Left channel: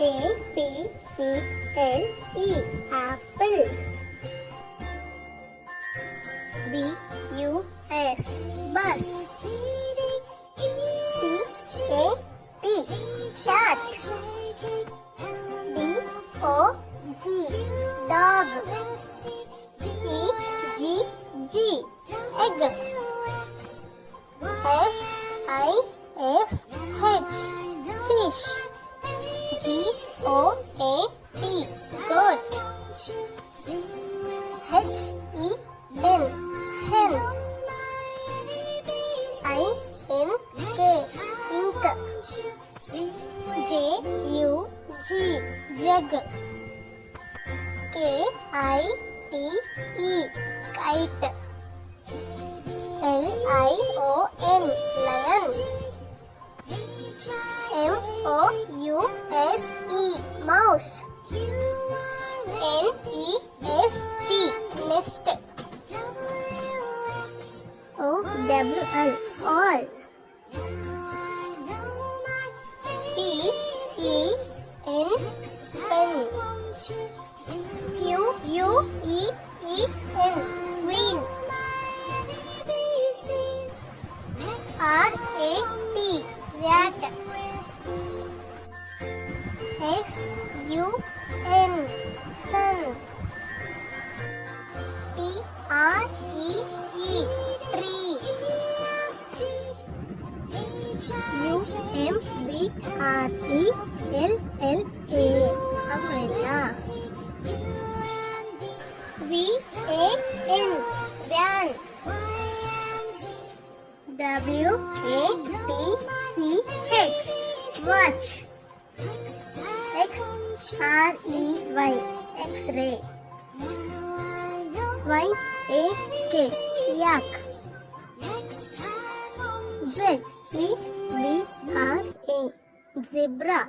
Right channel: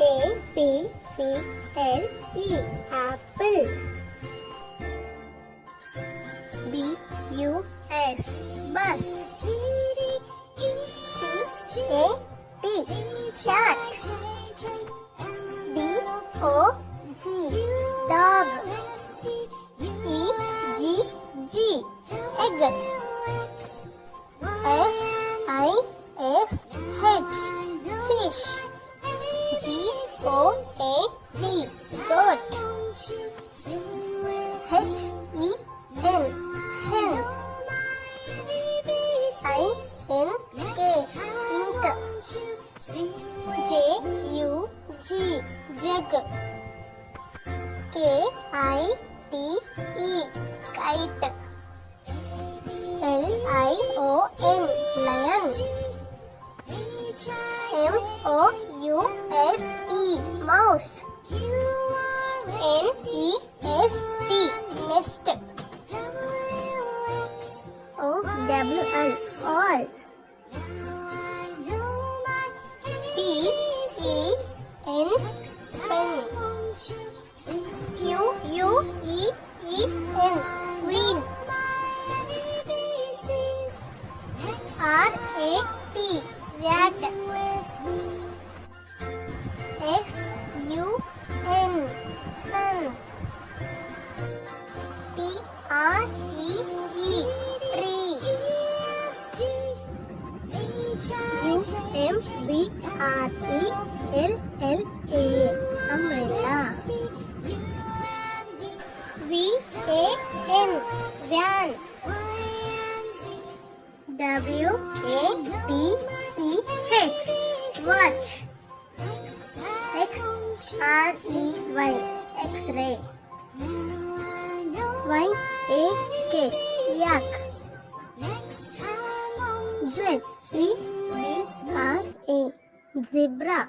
A-P-P-L-E, apple. B-U-S, bus. C-A-T, cat. D-O-G, dog. E-G-G, egg. S-I-S-H, fish. G-O-A-T, goat. H-E-N, hen. I-N-K, ink. J-U-G, jug. K-I-T-E, kite. L-I-O-N, lion. M-O-U-S-E, mouse. N-E-S-T, nest. O-W-L, all. P-E-N, pen. Q-U-E-E-N, queen. R-A-T, rat. S-U-N, sun. T-R-E-E, tree. U-M-B-R-E-L-L-A, umbrella. V-A-N, van. W-A-T-C-H, watch. X-R-E-Y, X-ray. Y-A-K, yak. Z-E-B-R-A, zebra.